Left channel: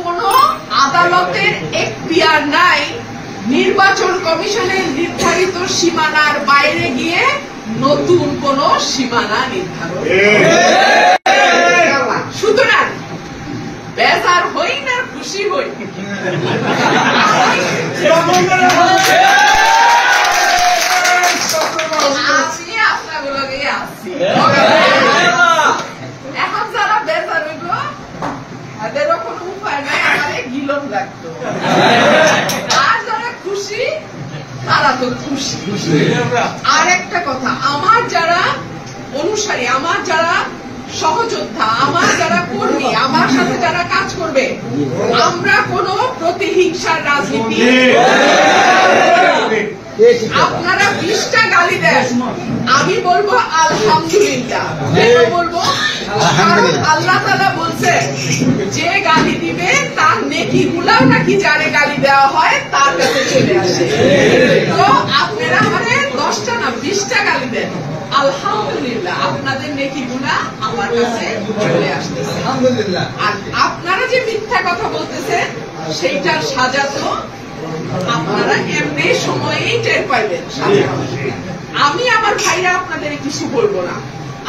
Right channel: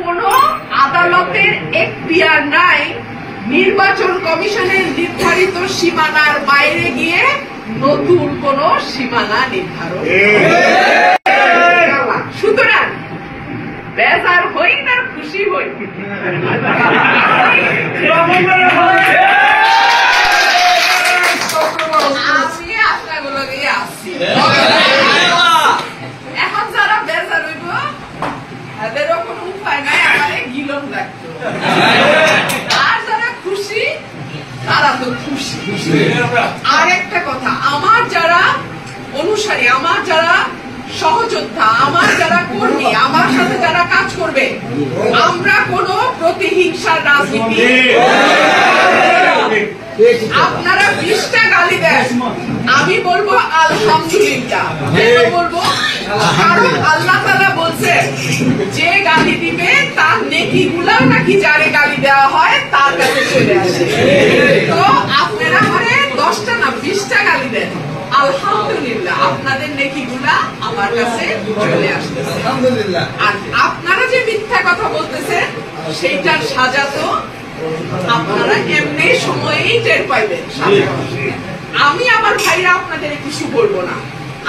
কোন আদালতের এখতিয়ার নাই নির্বাচন কমিশনের নির্ধারিত সীমানার বাইরে গিয়ে নতুন কোন সীমানা নির্ধারণ। সুতরাং বেজার হই না খুশি হই, এখন যারা বেজার হইব এদেরও কোন উপায় নাই, আমাদের গিলন লাগতো। আর যারা খুশি তারা তো খুশি। আর একটা কথা, আমার যারা অনুসারী, আমার যারা সহযোদ্ধা, আমার যারা কর্মী, আমার সাথে যারা কাজ করবে, আমরা কোন প্রতিহিংসার রাজনীতি, আপনারা 20টা গালি দেন, আমি বলবো আলহামদুলিল্লাহ। কেন বলবো? কারণ আল্লাহ তাআলা বলছে যে গালি দিবে তার নেকিগুলা নাকি যারে গালি দেওয়া হয় তার কাছে চলে আসে। তো আপনারা করে 10টা না 20টা গালি দেন, আলহামদুলিল্লাহ আপনাদের নেকিগুলা আমার কাছে চলে আসতেছে। আর আপনারা যে মিথ্যা কথা বলতেছেন সেইটার সাজা তো আপনারা এমনি সময়েই টের পাইবেন। আমি আমার ভাইরা আপনাদের কিছু বলবো না,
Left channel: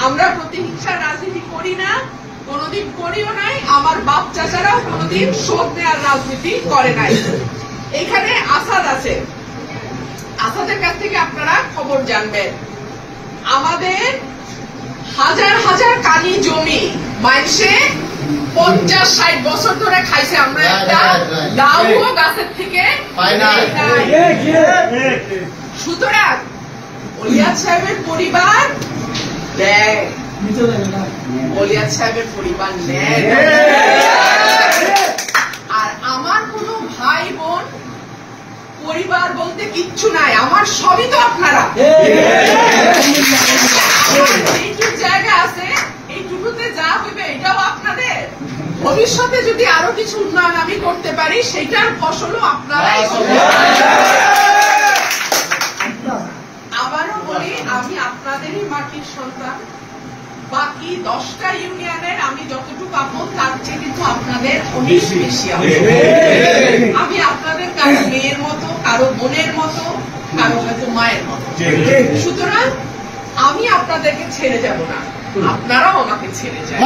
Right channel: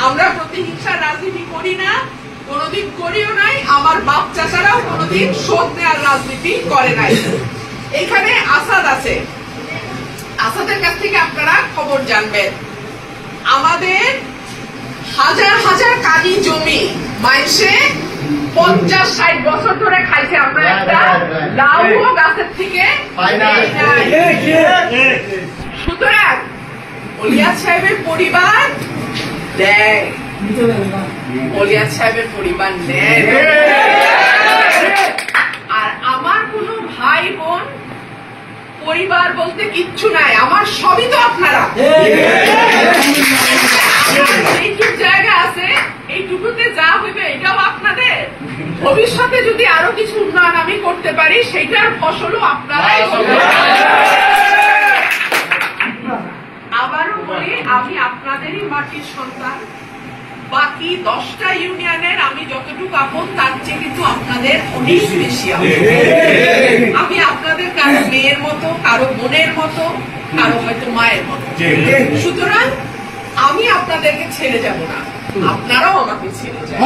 আমরা প্রতিহিংসার রাজনীতি করি না, কোনদিন করিও নাই, আমার বাপ চাচারাও কোনদিন শোধ নেওয়ার রাজনীতি করে নাই। এখানে আসাদ আছে, আসাদের কাছ থেকে আপনারা খবর জানবেন। আমাদের হাজার হাজার কানি জমি মাইসে 50-60 বছর ধরে খাইছে, আমরা একটা লাউও গাছের থেকে। সুতরাং ওলিয়াদ সাহেবের পরিবার দেয়, ওলিয়াদ সাহেবের পরিবার নেয়। আর আমার কোন ভাই বোন পরিবার বলতে কিচ্ছু নাই, আমার সবই তো আপনারা। এইটুকু জায়গা আছে, এইটুকুতে যা হইবে এটাও আপনাদের। ভবিষ্যতে যদি আরো কিছু উন্নয়ন আমি করতে পারি সেইটার ফসলও আপনারাই। আবারও বলি, আমি আপনাদেরই মাটির সন্তান। বাকি 10টা ইউনিয়নের আমি যতটুকু আপন তার চেয়ে কিন্তু আপনাদের অনেক বেশি। আমি আপনাদের কারো মেয়ের মতো, কারো বোনের মতো, কারো হয়তো মায়ের মতো। সুতরাং আমি আপনাদেরকে ছেড়ে যাব না, আপনারাও আমাকে ছেড়ে যান।